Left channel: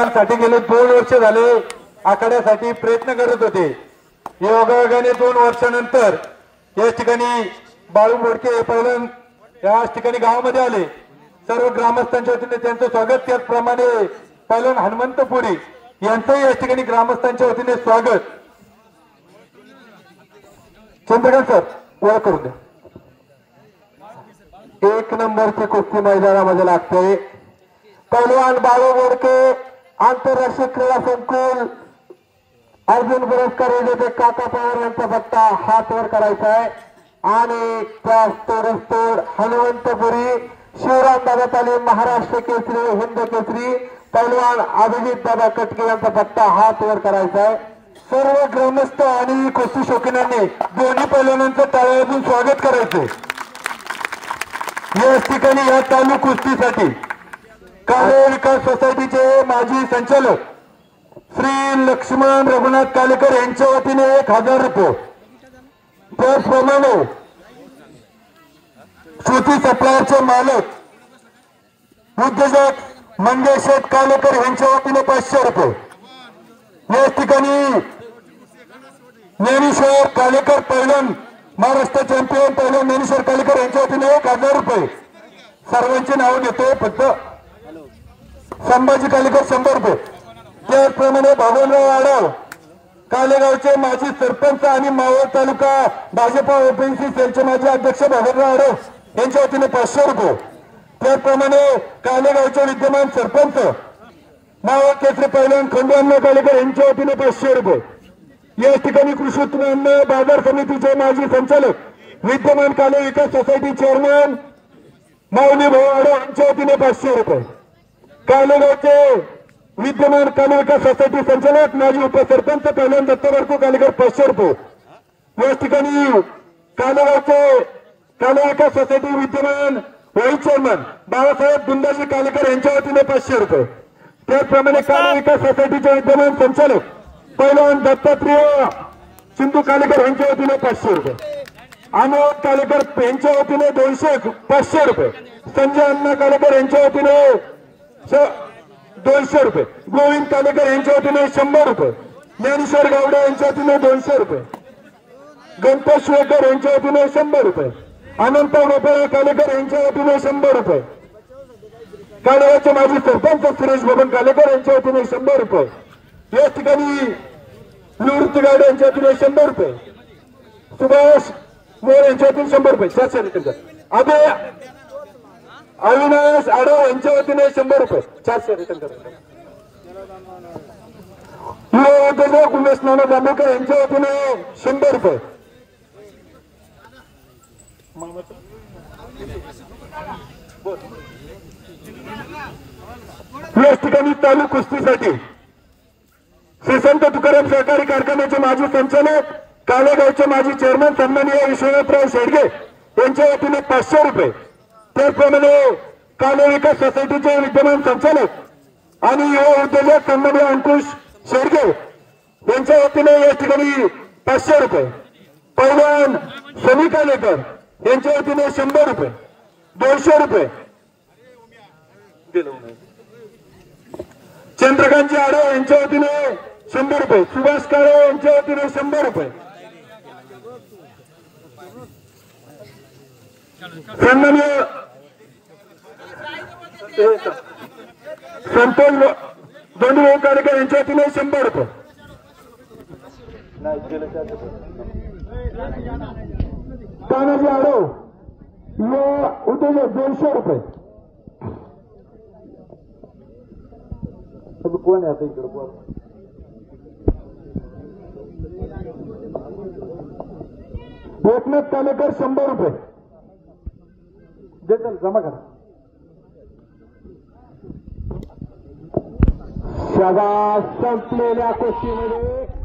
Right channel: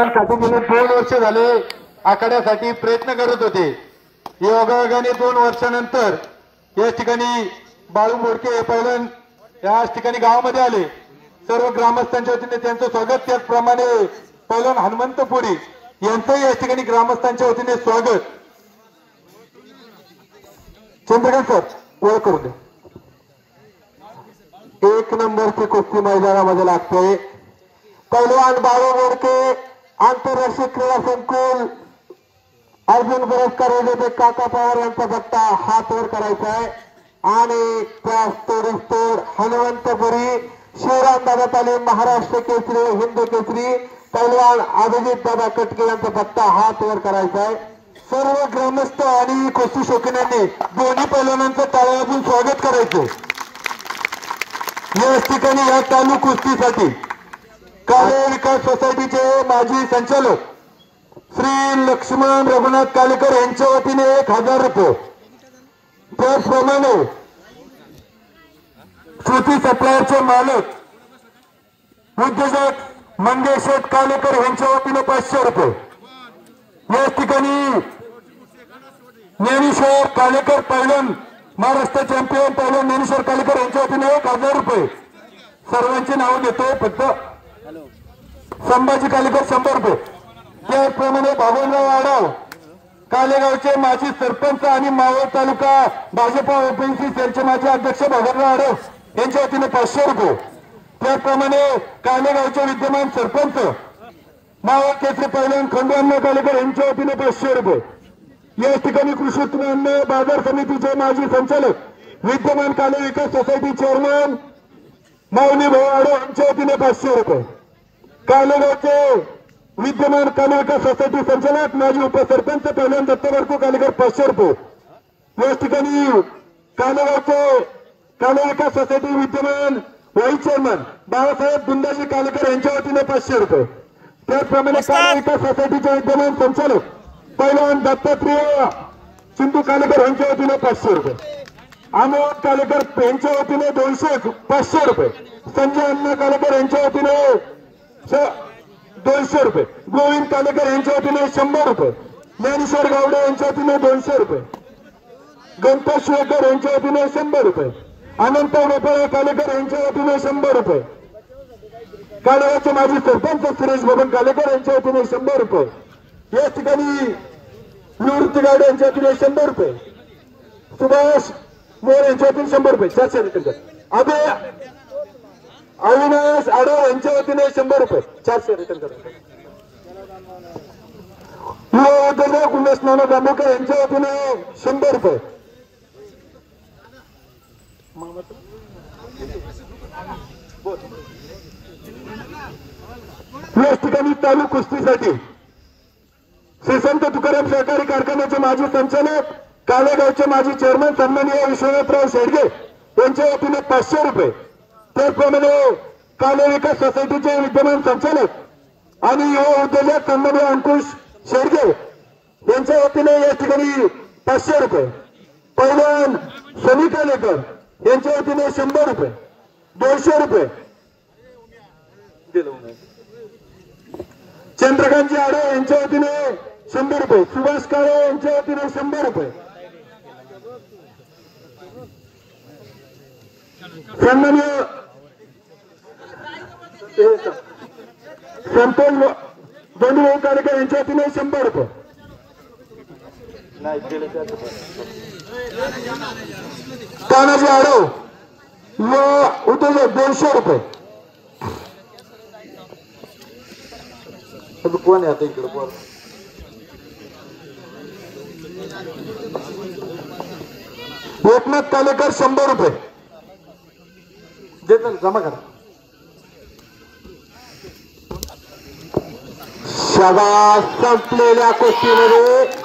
साठी गेले 2 वर्ष झाले आखाड्यासाठी प्रयत्न करत होते। योगायोगाने 2 वर्षानंतर या ठिकाणी बाळू मोडके पहिलं या ठिकाणी गावामध्ये आले। सर्व ग्रामस्थांच्या वतीने त्यांचं स्वागत, त्याचप्रमाणे पहिलं हनुमंतपुरी यांचं या ठिकाणी ग्रामस्थांच्या वतीने स्वागत। चंद्रकांत सर ओळख करू द्या। 1 नंबरची कुस्ती मैदानामध्ये लागते। पहिलवान बाळू मोडके आंतरराष्ट्रीय क्रीडा संकुल अर्जुन पुरस्कार विजेते काका पवार यांचा पट्टा हात वर करायचा आहे आणि त्या तोड हनुमंतपुरी शिवराम दादा तालीम महाराष्ट्र केसरी हिंद केसरी पहिलवान अभिजित दादा कटके यांचा पट्टा हात वर करायचा आहे। सर्व ग्रामस्थ आणि कुस्ती शौकीनांनी दोन्ही पैलवानांचं टाळ्या वाजवून स्वागत करायचं। या ठिकाणी या चालू कुस्तीसाठी कार्य विकास सोसायटीचे माजी संचालक श्री लक्ष्मण रघुनाथ कालेकर यांच्या वतीने 1000 रुपये, त्याचप्रमाणे श्रुती सप्लायरचे मालक उद्योजक मंगेश कालेकर यांच्या वतीने 500 रुपये, या ठिकाणी ज्ञानेश्वर कालेकर पहिलं महाराष्ट्र चॅम्पियन पहिलं ज्ञानेश्वर कालेकर यांच्या वतीने 1000 रुपये। सर्वांची नाव देतो, फक्त संभाजी कालेकर 100 रुपये, त्याचप्रमाणे बाबनराव आडव कालेगावचे माजी सरपंच आणि मावळ तालुका भाजपा ओबीसी सेलचे माजी अध्यक्ष बाबनराव आडव यांच्या वतीने 500 रुपये, त्याचप्रमाणे कालेगावचे विद्यमान सरपंच मावळ केसरी पहिलवान खंडू कालेकर यांच्या वतीने 500 रुपये। या ठिकाणी कृषी उत्पन्न बाजार समितीचे माजी संचालक विद्यमान काले विकास सोसायटी चेअरमन माऊली भाऊ आडव यांच्या वतीने 500 रुपये। कालेगावचे विद्यमान काले विकास सोसायटी संचालक माजी उपसरपंच पहिलवान दत्तबारको कालेकर 500 रुपये। या ठिकाणी कालेगावचे काले विकास सोसायटी विद्यमान व्हाईस चेअरमन बाळासाहेब दुंदाजी कालेकर यांच्या वतीने 500 रुपये। त्याचप्रमाणे काले विकास सोसायटीचे विद्यमान संचालक पहिलवान दत्तात्रेय सिंधू कालेकर यांच्या वतीने 500 रुपये। अमोद कालेकर यांच्या वतीने 500 रुपये। संजय अण्णा कालेकर यांच्या वतीने 200 रुपये। गोविंद कालेकर यांच्या वतीने 100 रुपये। ज्ञानेश्वर गावडे यांच्या वतीने 200 रुपये। गणपत शिवकर यांच्या वतीने 100 रुपये। अनंत गोपाळ कालेकर यांच्या वतीने 100 रुपये। कालेगावचे माजी सरपंच सुरेश बबन कालेकर यांच्या वतीने 100 रुपये। या ठिकाणी निवृत्ती गावडे यांच्या वतीने 100 रुपये। सुभाष मोर यांच्या वतीने 100 रुपये। 400 रुपये। अविनाश आडव यांच्या वतीने 100 रुपये। 400 रिटर्न करतात। उमेश नाना दामोकर यांच्या वतीने 100 रुपये। या ठिकाणी चालू कुस्तीसाठी श्री संत तुकाराम सहकारी कारखान्याचे माजी संचालक कालेगावचे माजी चेअरमन सन्माननीय विश्वनाथराव शेडगे यांच्या वतीने 500 रुपये। त्याचप्रमाणे काले विकास सोसायटीचे विद्यमान संचालक आणि युवा उद्योजक सन्माननीय अंकुश शेडगे यांच्या वतीने या ठिकाणी 500 रुपये। पहिलवान शमी कालेकर यांच्या वतीने 100 रुपये। 200 रुपये। चंद्रकांतजी आडव यांच्या वतीने 100 रुपये। सुभाष काळे यांच्या वतीने 100 रुपये। सन्माननीय संतोष दोंडीभाऊ कालेकर यांच्या वतीने 100 रुपये। तानाजी आडव व उद्योजक 200 रुपये। कोण आहे आता इकडे बोल। एकनाथ कालेकर 100 रुपये देतात, जमा करा। शाबास। संपलेल्या कुस्तीमध्ये